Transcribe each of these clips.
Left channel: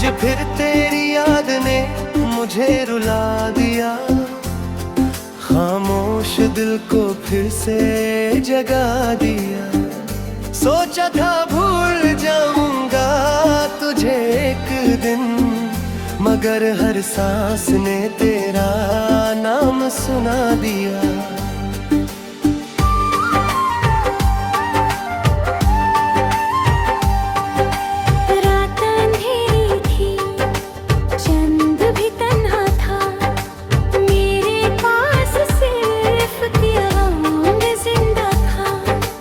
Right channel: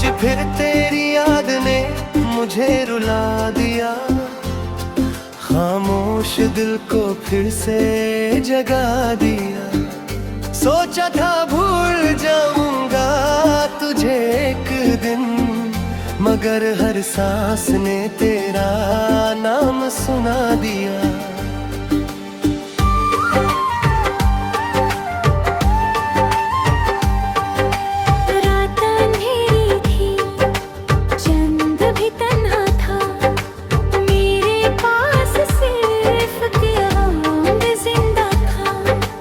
आज फिर तेरी याद ने मुझे रुला दिया, खामोश दिल को फिर से जगा दिया। सोचा था भूल जाऊंगा तुझे एक दिन, मगर हर सांस ने तेरा नाम सुना दिया। रात अंधेरी थी, चंद भी तन्हा था, मेरे पास सिर्फ क़यामत जिंदा था।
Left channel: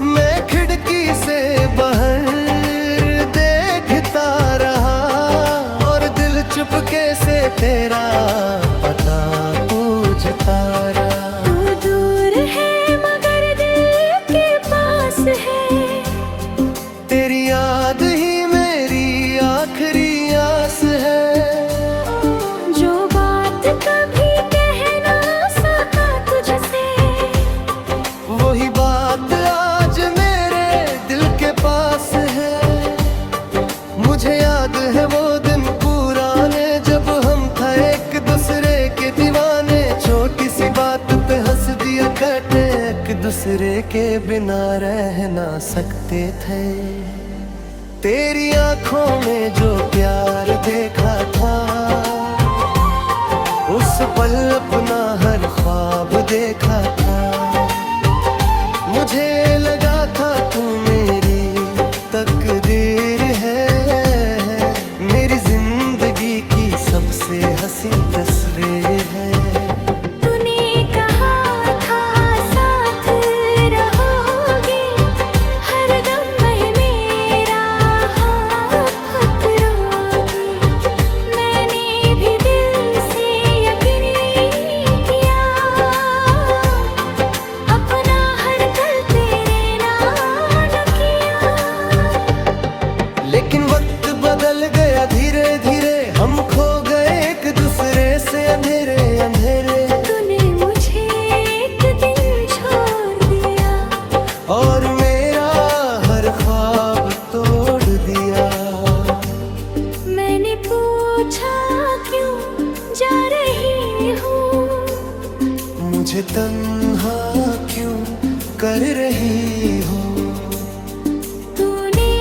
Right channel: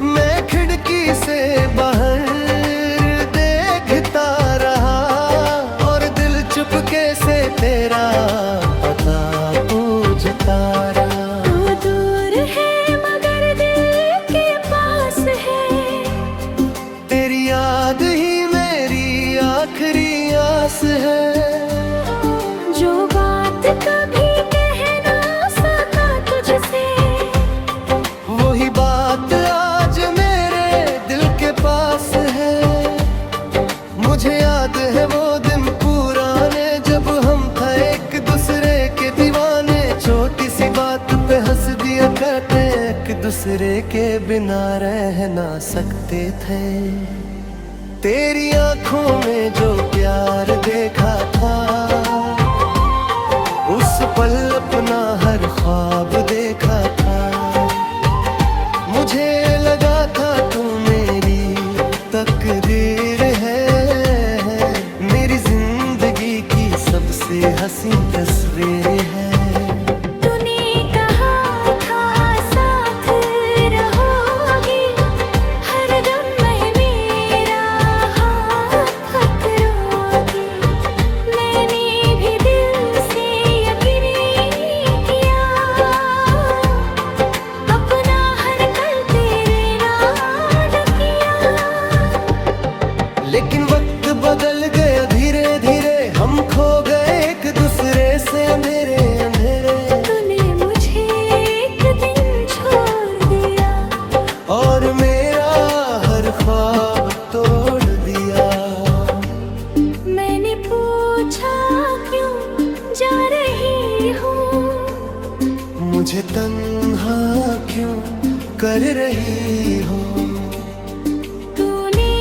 मैं खिड़की से बाहर देखता रहा और दिल चुपके से तेरा पता पूछता रहा। तू दूर है मगर दिल के पास है, तेरी याद ही मेरी आखिरी आस है। जो बात कभी कह ना सका तुझसे, वही बात आज मेरे दिल के पास है। मुझे याद है वो दिन पुराने, जब हम था एक दूसरे के दीवाने। छोटी सी बात पे हंस दिया करते, एक दूसरे के बिना रह ना सकते थे। तेरी आंखों में जो प्यार देखा था, उस पल अपना हर ख्वाब देखा था। मुझे लगा था तू मेरी तकदीर है, मेरी जिंदगी की सबसे हसीन तस्वीर है। तूने कहा था साथ रहोगी, हर दम में मेरा हाथ पकड़ोगी। मैंने भी दिल से यकीन किया, अपना हर कल तेरे नाम किया। लेकिन वक्त बदल गया धीरे धीरे, हम खो गए एक दूसरे से अंधेरे अंधेरे। तूने मुझे एक दिन छोड़ दिया, और मेरा हर ख्वाब तोड़ दिया। मैंने पूछा क्यों जा रही हो, मुझे तन्हा क्यों कर रही हो। तूने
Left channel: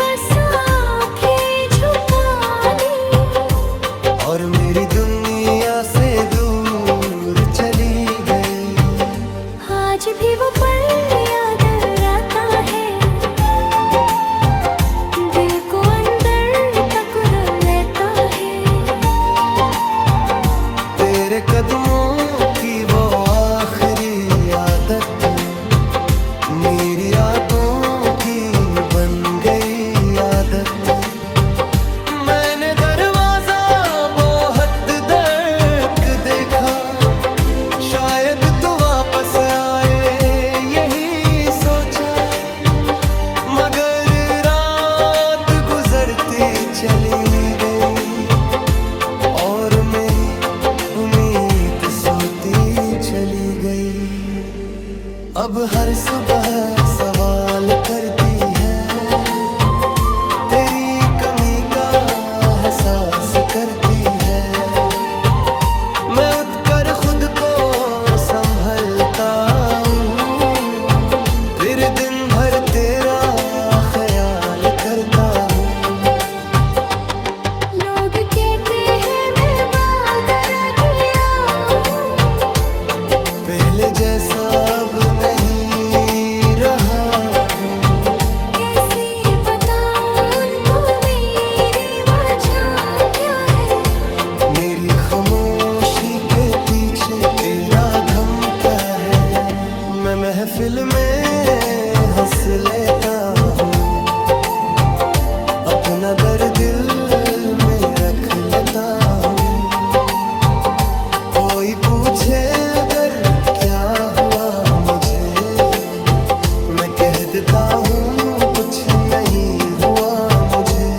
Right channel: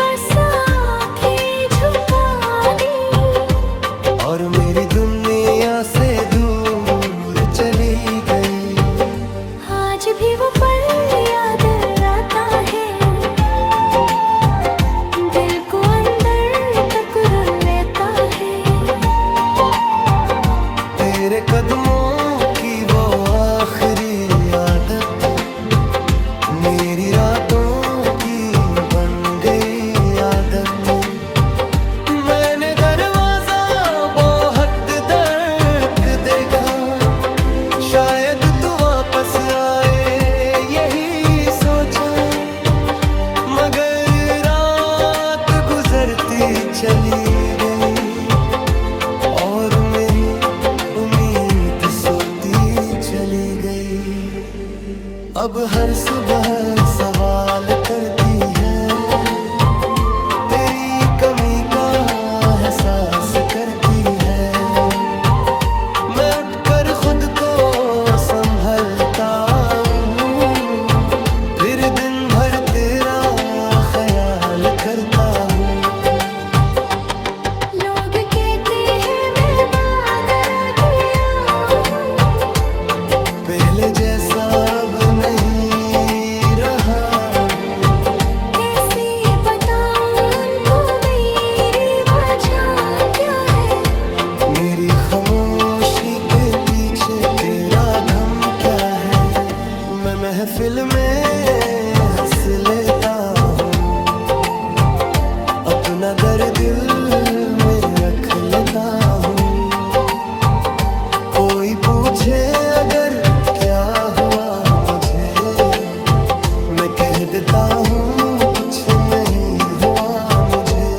बस आँखें झुका ली, और मेरी दुनिया से दूर चली गई। आज भी वो पल याद आता है, दिल को अंदर तक रुल लेता है। तेरे कदमों की वो आखिरी आदत, मेरी रातों की बन गई आदत। मैंने दरवाजा बहुत तक देखा, शायद तू वापस आए यही सोचा। मगर रात गुजरती चली गई, और मेरी उम्मीद सोती चली गई। अब हर सुबह सवाल करती है, तेरी कमी का एहसास करती है। मैं उठकर खुद को संभलता हूँ, फिर दिन भर तेरा ख्याल करता हूँ। लोग कहते हैं मैं बदल गया हूँ, पहले जैसा अब नहीं रहा हूँ। कैसे बताऊं उनको मेरी वजह क्या है, मेरी खामोशी के पीछे तेरा गम क्या है। मैं महफिल में हंस लेता हूँ, अपना दर्द दिल में रख लेता हूँ। कोई पूछे अगर क्या हुआ मुझे, मैं कह देता हूँ कुछ नहीं हुआ मुझे।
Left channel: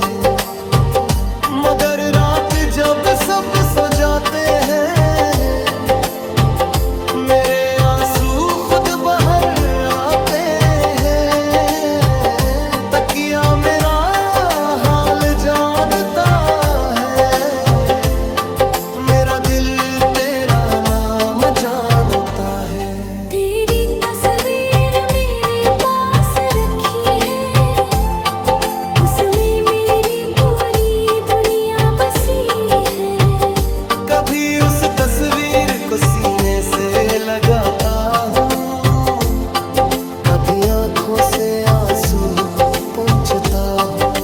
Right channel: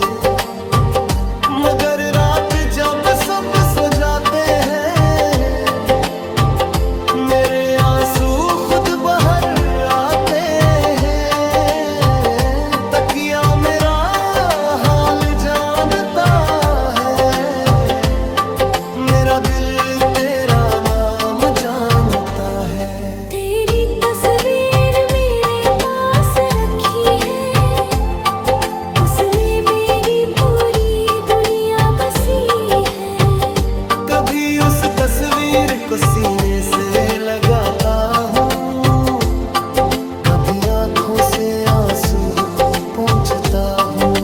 मगर रात जब सब सो जाते हैं, मेरे आंसू खुद बाहर आते हैं। तकिया मेरा हाल जानता है, तस्वीर मेरे पास रखी है, उसमें मेरी पूरी दुनिया बसी है। कभी उस तस्वीर को सीने से लगाता हूँ, कभी आंखों से आंसू पोंछता हूँ।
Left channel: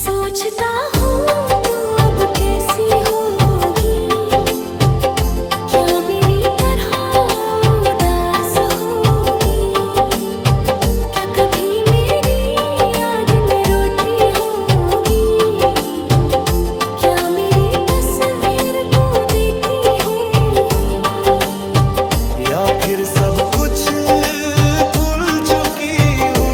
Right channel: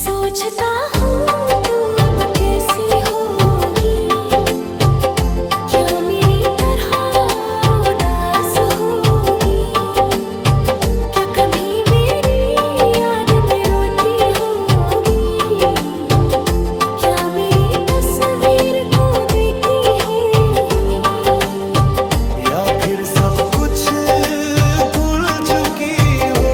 सोचता हूँ तू अब कैसी होगी, क्या मेरी तरह उदास होगी, क्या कभी मेरी याद में रोती होगी, क्या मेरी तस्वीर को देखती होगी, या फिर सब कुछ भूल चुकी हो,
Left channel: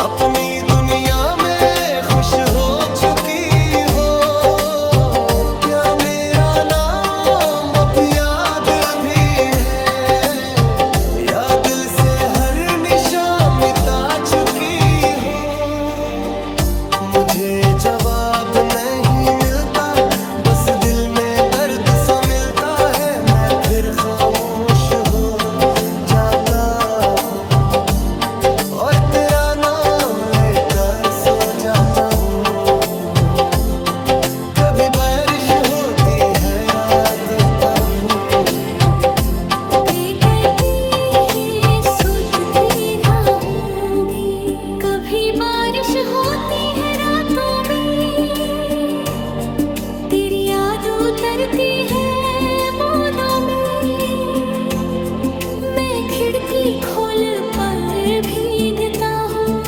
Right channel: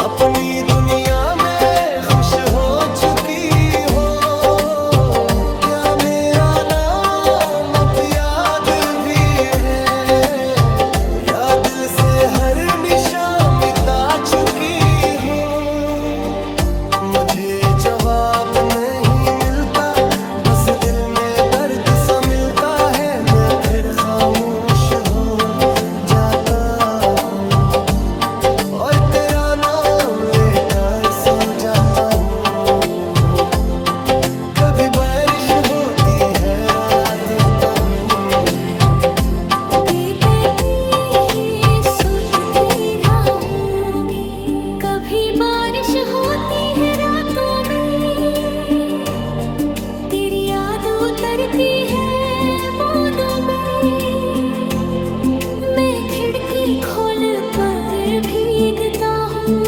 अपनी दुनिया में खुश हो चुकी हो। क्या मेरा नाम अब याद भी है, या दिल से हर निशान मिटा चुकी हो। मुझे जवाब नहीं मिलता, बस दिल में दर्द सा मिलता है। मैं फिर खामोश हो जाता हूँ और तेरा नाम लेकर सो जाता हूँ। कभी बारिश होती है रात का हूँ, कभी बारिश होती है रातों में, तेरी याद उतरती है बूंदों में। मैं खिड़की खोल पर भीगता हूँ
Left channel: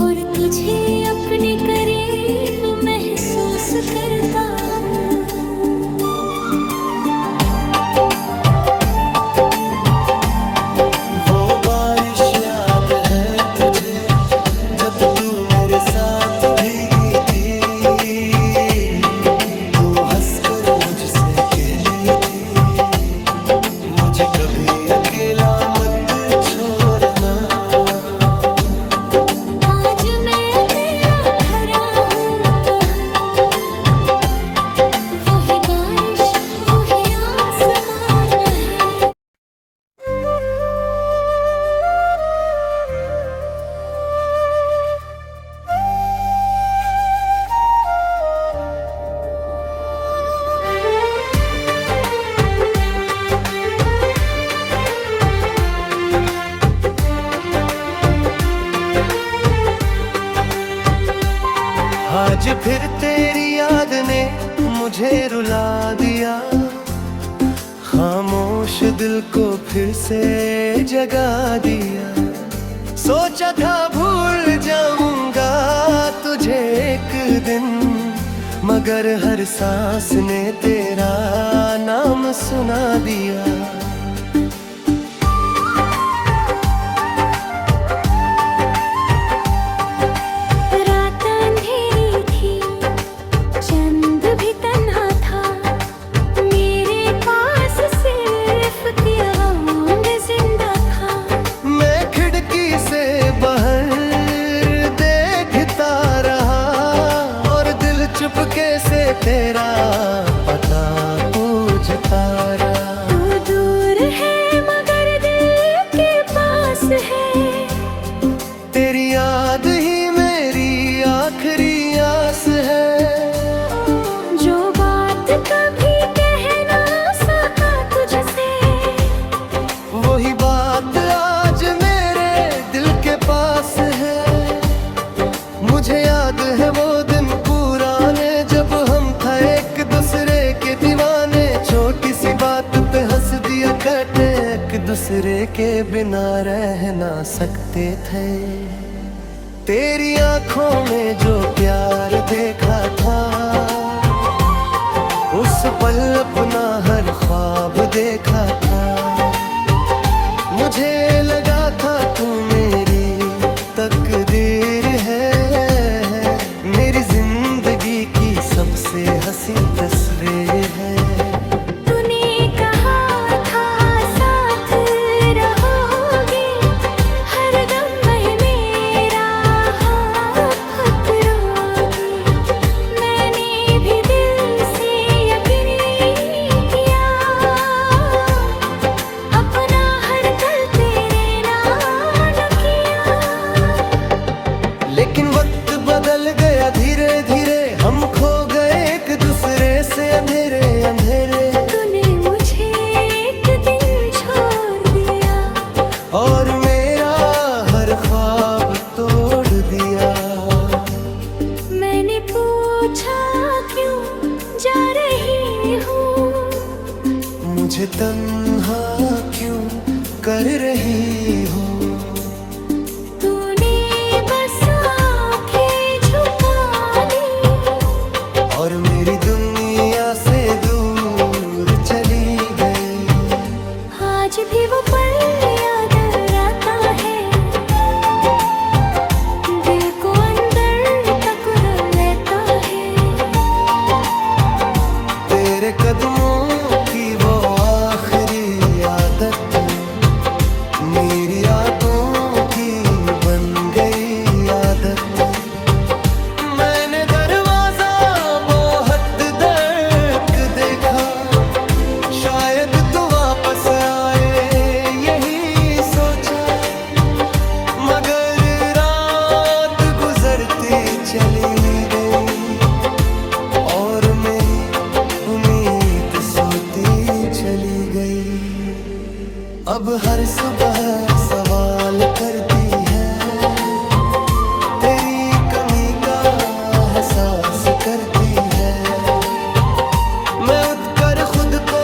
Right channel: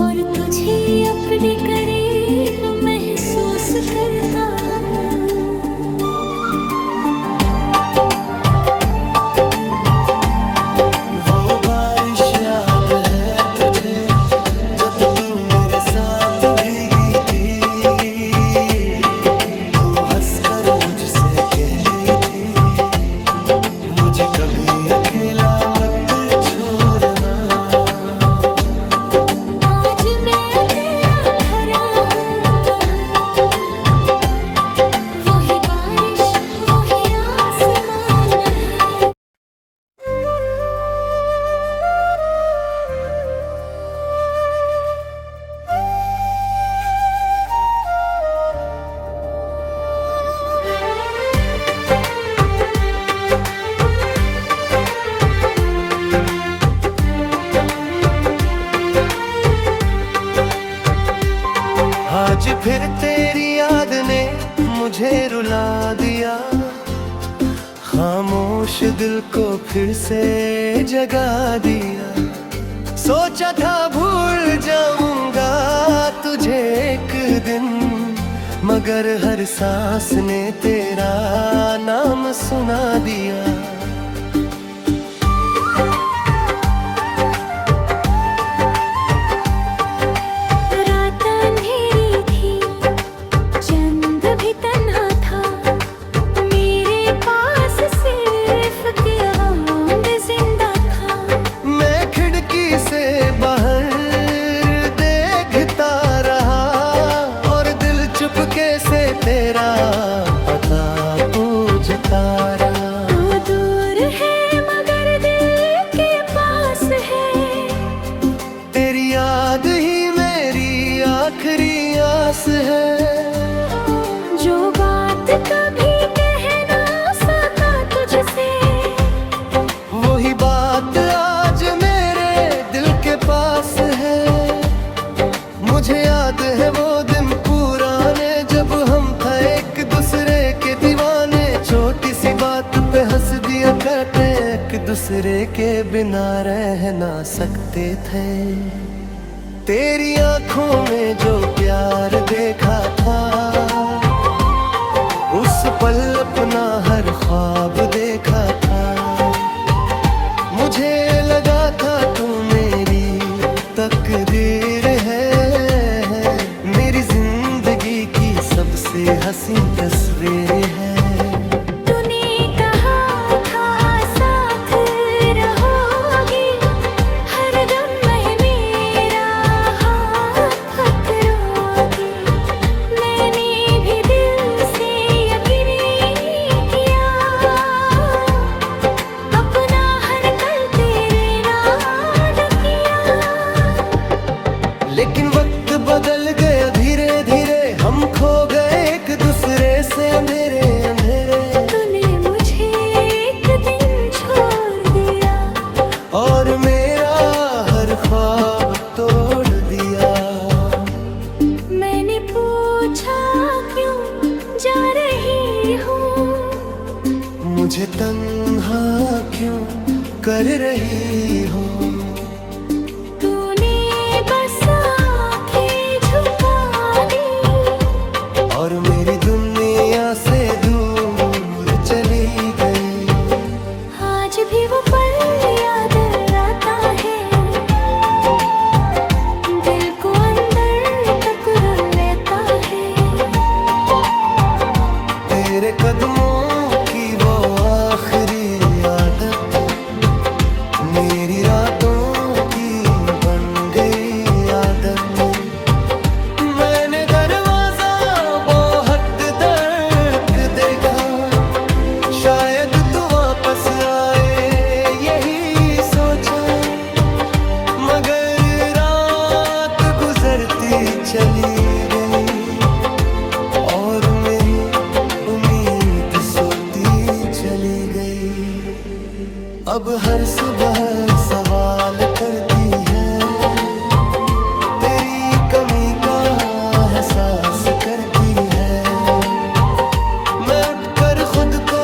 और तुझे अपने करीब महसूस करता हूँ। वो बारिश याद है तुझे, जब तू मेरे साथ भीगी थी। तू हंसकर मुझसे कहती थी, मुझे कभी अकेला मत छोड़ना। आज मैं अकेला खड़ा हूँ, वही बारिश वही आसमान है। आज फिर तेरी याद ने मुझे रुला दिया, खामोश दिल को फिर से जगा दिया। सोचा था भूल जाऊंगा तुझे एक दिन, मगर हर सांस ने तेरा नाम सुना दिया। से बाहर देखता रहा और दिल चुपके से तेरा पता पूछता रहा। तू दूर है मगर दिल के पास है, तेरी याद ही मेरी आखिरी आस है। जो बात कभी कह ना सका तुझसे, वही बात आज मेरे दिल के पास है। मुझे याद है वो दिन पुराने, जब हम था एक दूसरे के दीवाने। छोटी सी बात पे हंस दिया करते, एक दूसरे के बिना रह ना सकते थे। तेरी आंखों में जो प्यार देखा था, उस पल अपना हर ख्वाब देखा था। मुझे लगा था तू मेरी तकदीर है, मेरी जिंदगी की सबसे हसीन तस्वीर है। तूने कहा था साथ रहोगी, हर दम में मेरा हाथ पकड़ोगी। मैंने भी दिल से यकीन किया, लेकिन वक्त बदल गया धीरे धीरे, हम खो गए एक दूसरे से अंधेरे अंधेरे। तूने मुझे एक दिन छोड़ दिया और मेरा हर ख्वाब तोड़ दिया। मैंने पूछा क्यों जा रही हूँ, मुझे तन्हा क्यों कर रही हो। तूने बस आँखें झुका ली और मेरी दुनिया से दूर चली गई। आज भी वो पल याद आता है, दिल को अंदर तक लेता है। तेरे कदमों की वो आखिरी आदत मेरी रातों की बन गई आदत। मैंने दरवाजा बहुत तक देखा, शायद तू वापस आए यही सोचा। मगर रात गुजरती चली गई और मेरी उम्मीद सोती चली गई। अब हर सुबह सवाल करती है, तेरी कमी का एहसास करती है। मैं उठकर खुद को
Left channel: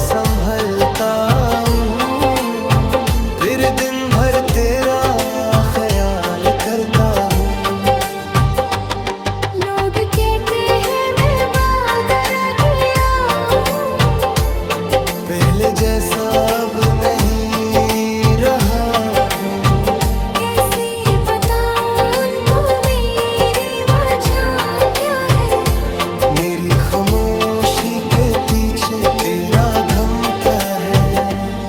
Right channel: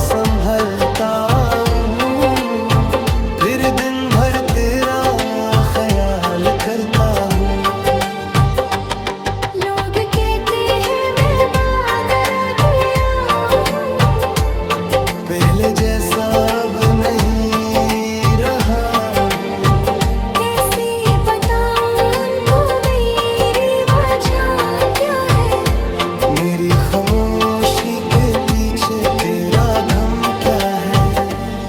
संभलता हूँ, फिर दिन भर तेरा ख्याल करता हूँ। लोग कहते हैं मैं वादा किया हूँ, पहले जैसा अब नहीं रहा हूँ। कैसे बताऊं उनको मेरी वजह क्या है। मेरी खामोशी के पीछे तेरा गम क्या है।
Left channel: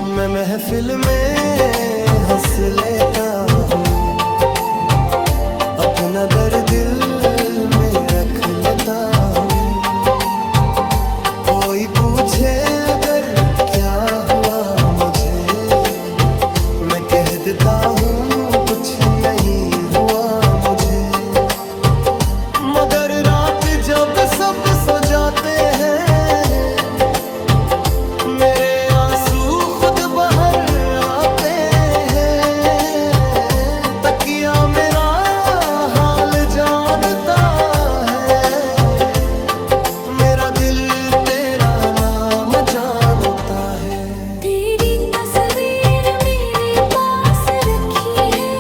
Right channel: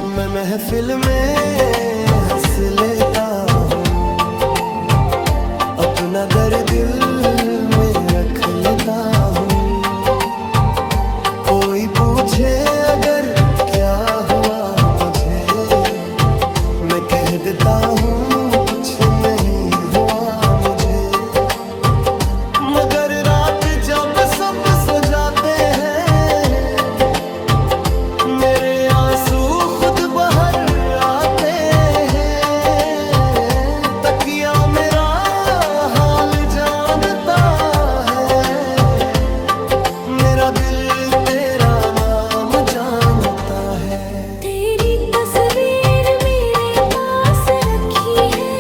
मैं महफिल में हंस लेता हूँ, अपना दर्द दिल में रख लेता हूँ। कोई पूछे अगर क्या हुआ मुझे, मैं कह देता हूँ कुछ नहीं हुआ मुझे। मगर रात जब सब सो जाते हैं, मेरे आंसू खुद बाहर आते हैं। तकिया मेरा हाल जानता है, मेरा दिल तेरा नाम जानता है। तेरी तस्वीर मेरे पास रखी है,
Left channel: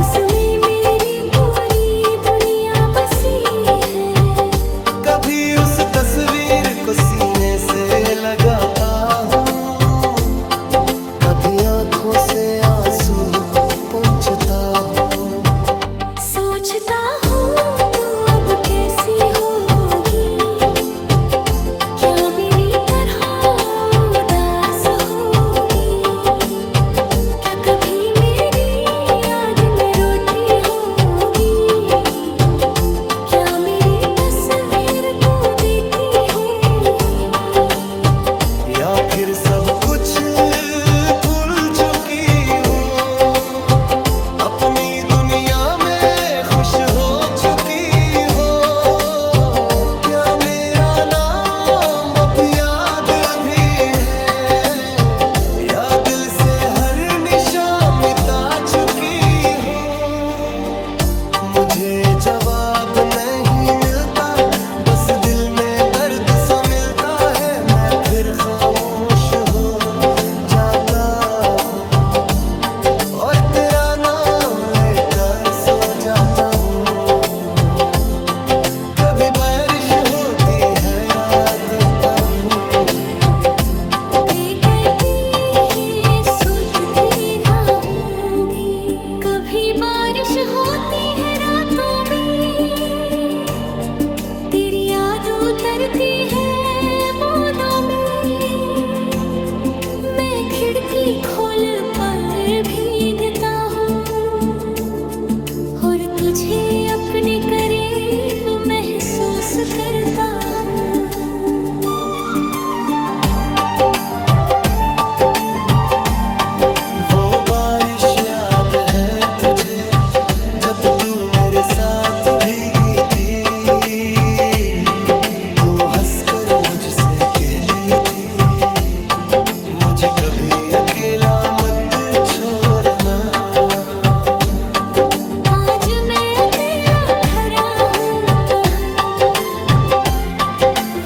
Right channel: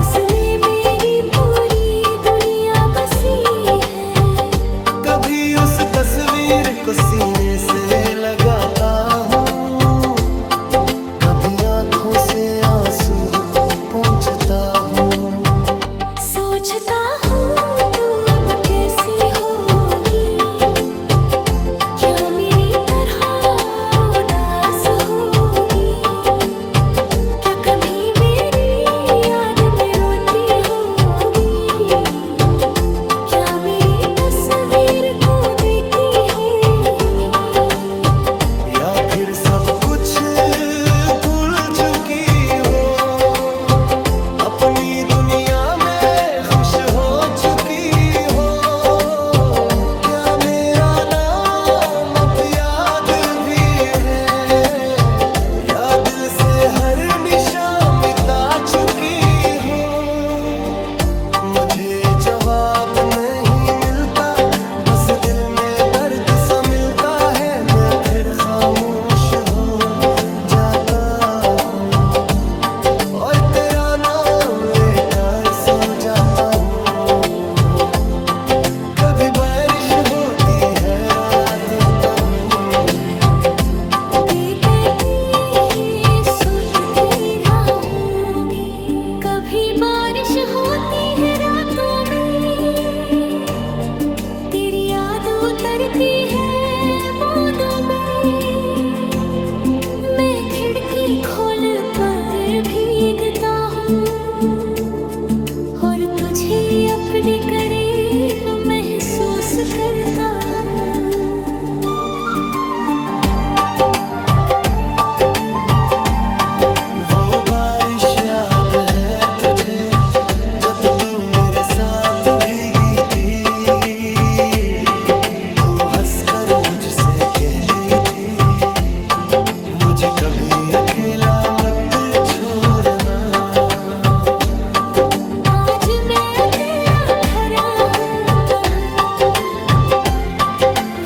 उसमें मेरी पूरी दुनिया बसी है। कभी उस तस्वीर को सीने से लगाता हूँ, कभी आंखों से आंसू पोंछता हूँ। सोचता हूँ तू अब कैसी होगी, क्या मेरी तरह उदास होगी। क्या कभी मेरी याद में रोती होगी, क्या मेरी तस्वीर को देखती होगी। या फिर सब कुछ भूल चुकी हो, अपनी दुनिया में खुश हो चुकी हो। क्या मेरा नाम अब याद भी है, या दिल से हर निशान मिटा चुकी हो। मुझे जवाब नहीं मिलता, बस दिल में दर्द सा मिलता है। मैं फिर खामोश हो जाता हूँ और तेरा नाम लेकर सो जाता हूँ। कभी बारिश होती है रात होता हूँ, सुनती रहूंगी। कभी बारिश होती है रातों में, तेरी याद उतरती है बूंदों में। मैं खिड़की खोल पर भीगता हूँ और तुझे अपने करीब महसूस करता हूँ। वो बारिश याद है तुझे जब तू मेरे साथ भीगी थी, तू हंसकर मुझसे कहती थी, मुझे कभी अकेला मत छोड़ना। आज मैं अकेला खड़ा हूँ,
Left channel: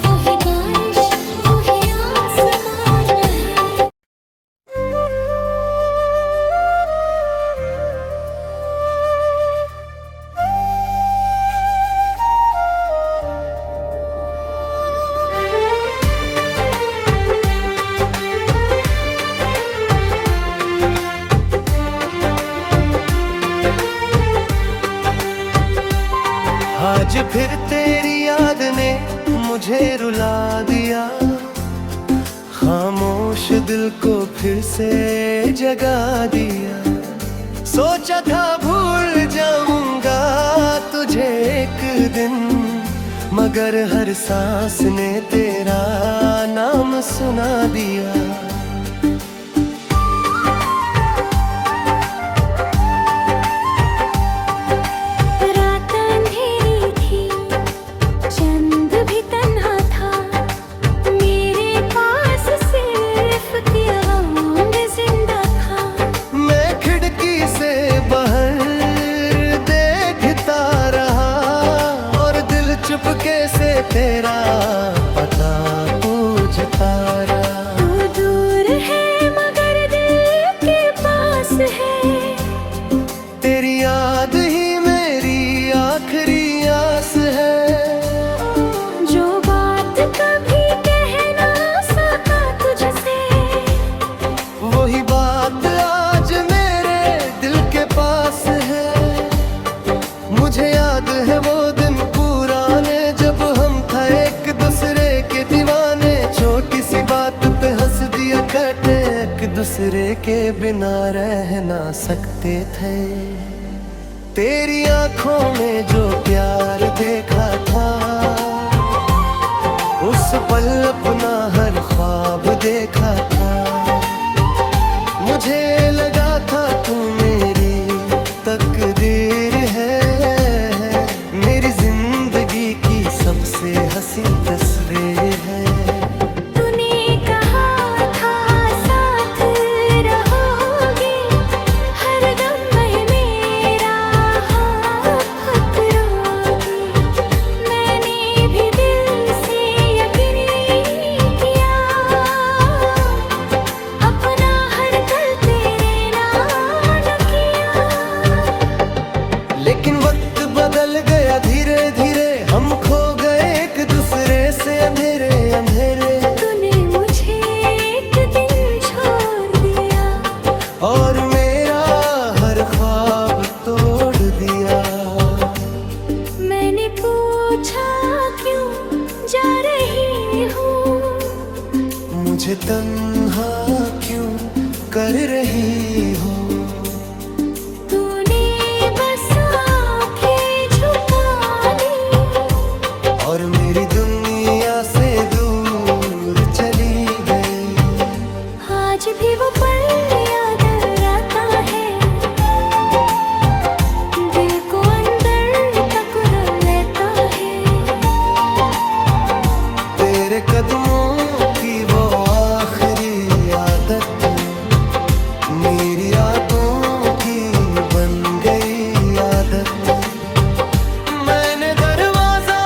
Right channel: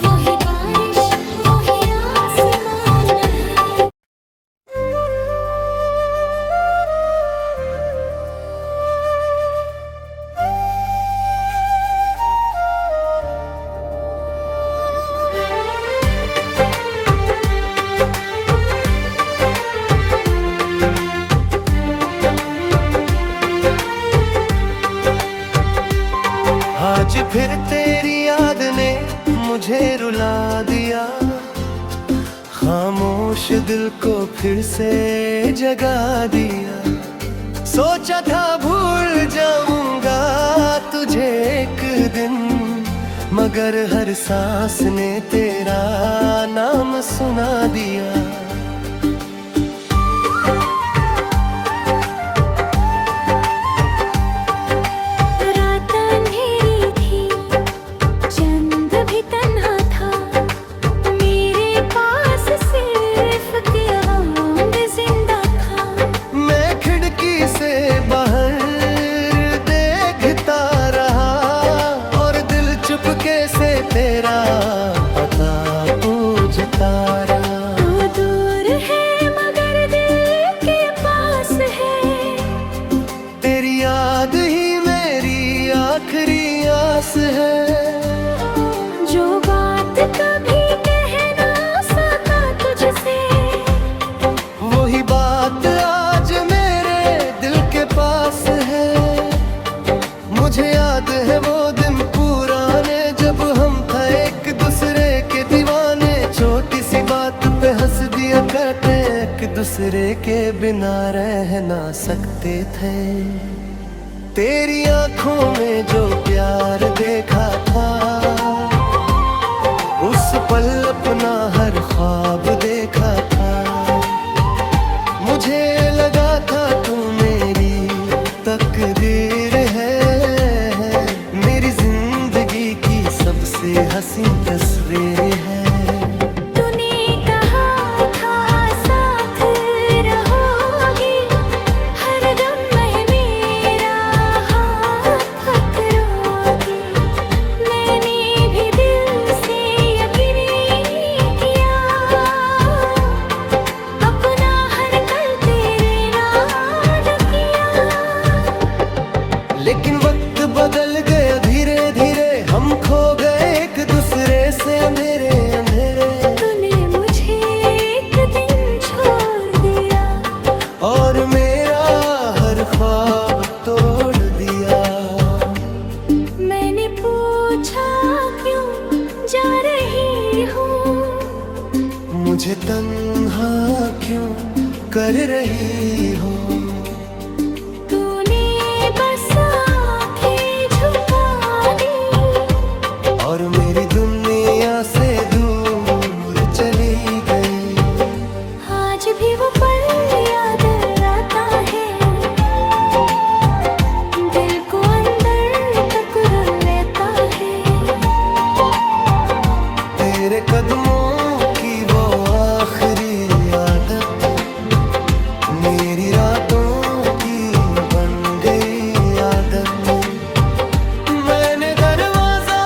वही बारिश वही आसमान है। आज फिर तेरी याद ने मुझे रुला दिया, खामोश दिल को फिर से जगा दिया। सोचा था भूल जाऊंगा तुझे एक दिन, मगर हर सांस ने तेरा नाम सुना दिया। से बाहर देखता रहा और दिल चुपके से तेरा पता पूछता रहा। तू दूर है मगर दिल के पास है, तेरी याद ही मेरी आखिरी आस है। जो बात कभी कह ना सका तुझसे, वही बात आज पास है। मुझे याद है वो दिन पुराने, जब हम था एक दूसरे के दीवाने। छोटी सी बात पे हंस दिया करते, एक दूसरे के बिना रह ना सकते थे। तेरी आंखों में जो प्यार देखा था, उस पल अपना हर ख्वाब देखा था। मुझे लगा था तू मेरी तकदीर है, मेरी जिंदगी की सबसे हसीन तस्वीर है। तूने कहा था साथ रहोगी, हर दम मैं मेरा हाथ पकड़ोगी। मैंने भी दिल से यकीन किया, अपना हर कल तेरे नाम किया। लेकिन वक्त बदल गया धीरे धीरे, हम खो गए एक दूसरे से अंधेरे अंधेरे। तूने मुझे एक दिन छोड़ दिया, और मेरा हर ख्वाब तोड़ दिया। मैंने पूछा क्यों जा रही हूँ, मुझे तन्हा क्यों कर रही हो। तूने बस आँखें झुका ली, और मेरी दुनिया से दूर चली गई। आज भी वो पल याद आता है, दिल को अंदर तक लेता है। तेरे कदमों की वो आखिरी आदत, मेरी रातों की बन गई आदत। मैंने दरवाजा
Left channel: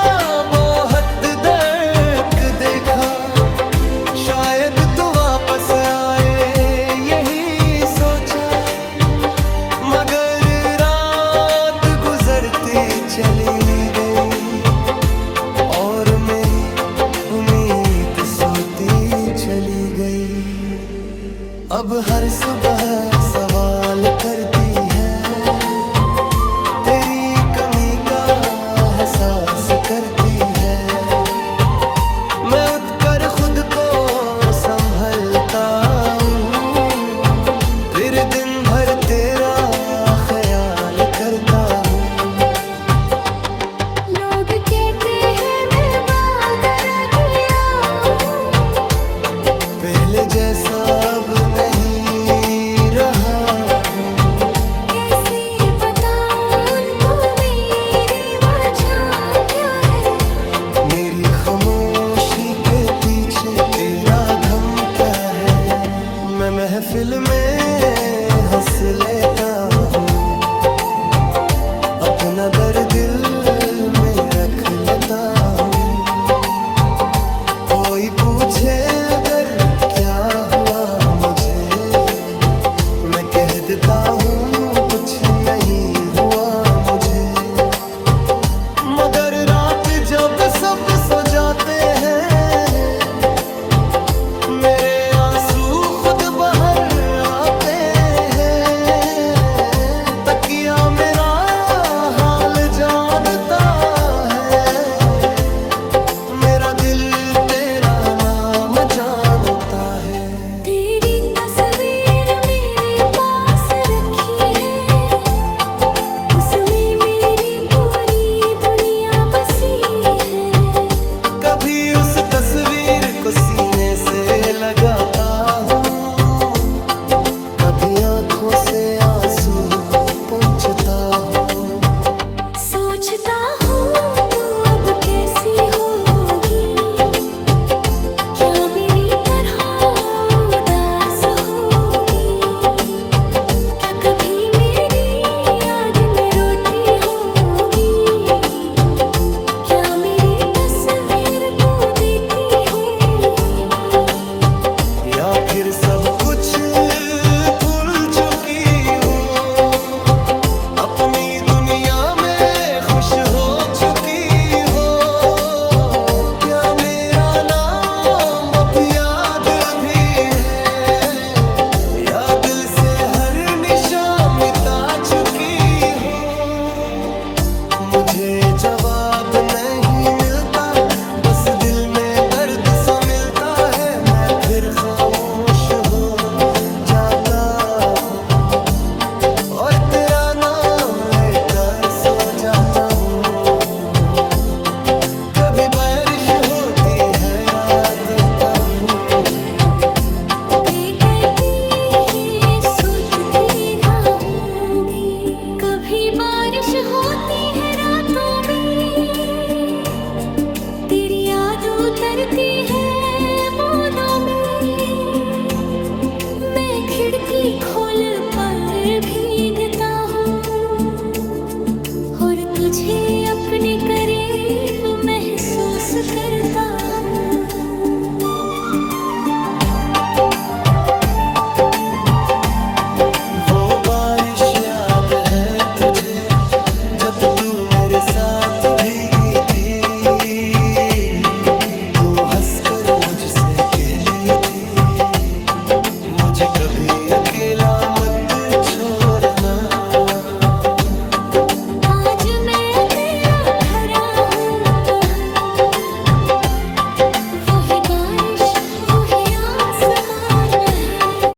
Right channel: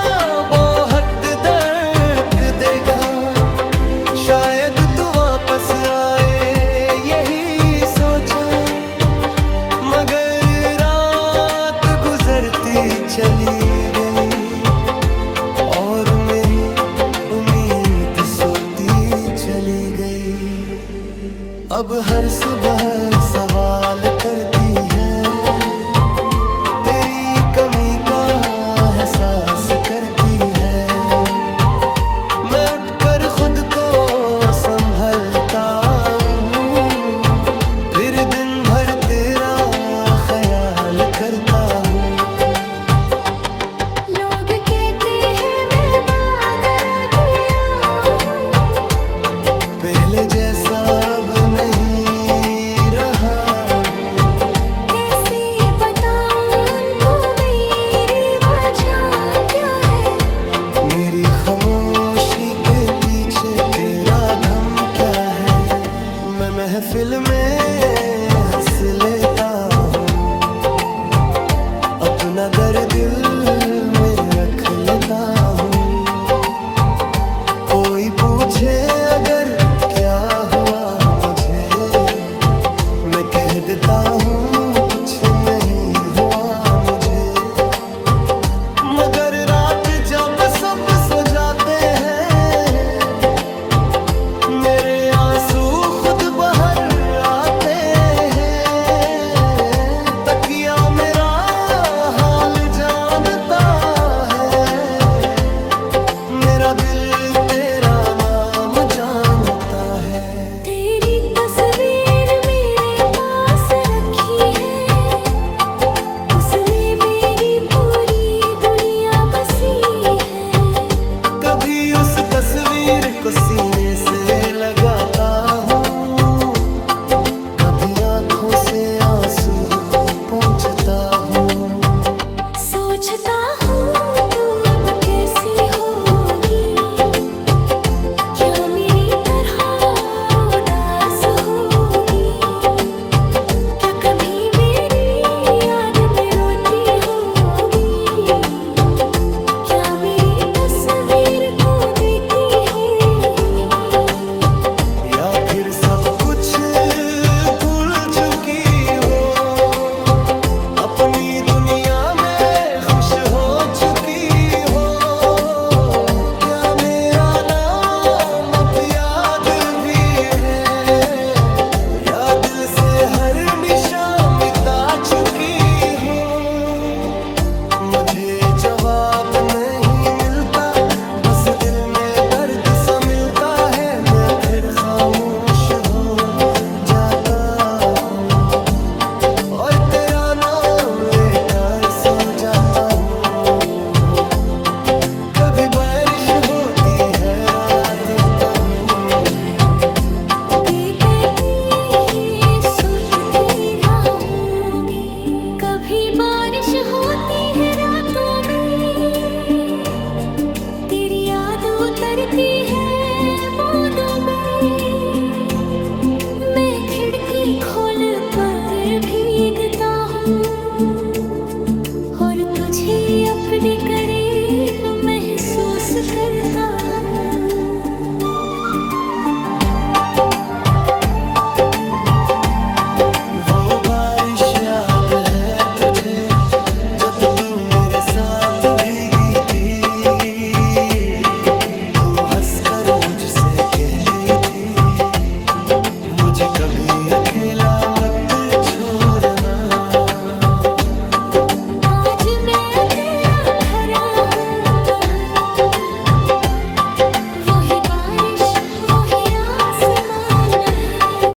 बहुत तक देखा, शायद तू वापस आए यही सोचा। मगर रात गुजरती चली गई, और मेरी उम्मीद सोती चली गई। अब हर सुबह सवाल करती है, तेरी कमी का एहसास करती है। मैं उठकर खुद को संभलता हूँ, फिर दिन भर तेरा ख्याल करता हूँ। लोग कहते हैं मैं बदल गया हूँ, पहले जैसा अब नहीं रहा हूँ। कैसे बताऊँ खुशी के पीछे तेरा गम क्या है। मैं महफिल में हंस लेता हूँ, अपना दर्द दिल में रख लेता हूँ। कोई पूछे अगर क्या हुआ मुझे, मैं कह देता हूँ कुछ नहीं हुआ मुझे। मगर रात जब सब सो जाते हैं, मेरे आंसू खुद बाहर आते हैं। तकिया मेरा हाल जानता है, मेरा दिल तेरा नाम जानता है। तेरी तस्वीर मेरे पास रखी है, उसमें मेरी पूरी दुनिया बसी है। कभी उस तस्वीर को सीने से लगाता हूँ, कभी आंखों से आंसू पोंछता हूँ। सोचता हूँ तू अब कैसी होगी, क्या मेरी तरह उदास होगी। क्या कभी मेरी याद में रोती होगी, क्या मेरी तस्वीर को देखती होगी। या फिर सब कुछ भूल चुकी हो, अपनी दुनिया में खुश हो चुकी हो। क्या मेरा नाम अब याद भी है, या दिल से हर निशान मिटा चुकी हो। मुझे जवाब नहीं मिलता, बस दिल में दर्द सा मिलता है। मैं फिर खामोश हो जाता हूँ और तेरा नाम लेकर सो जाता हूँ। कभी बारिश होती है रात का हूँ, ये कहती है सोचती रहूंगी। कभी बारिश होती है रातों में, तेरी याद उतरती है बूंदों में। मैं खिड़की खोल पर भीगता हूँ और तुझे अपने करीब महसूस करता हूँ। वो बारिश याद है तुझे, जब तू मेरे साथ भीगी थी। तू हंसकर मुझसे कहती थी, मुझे कभी अकेला मत छोड़ना।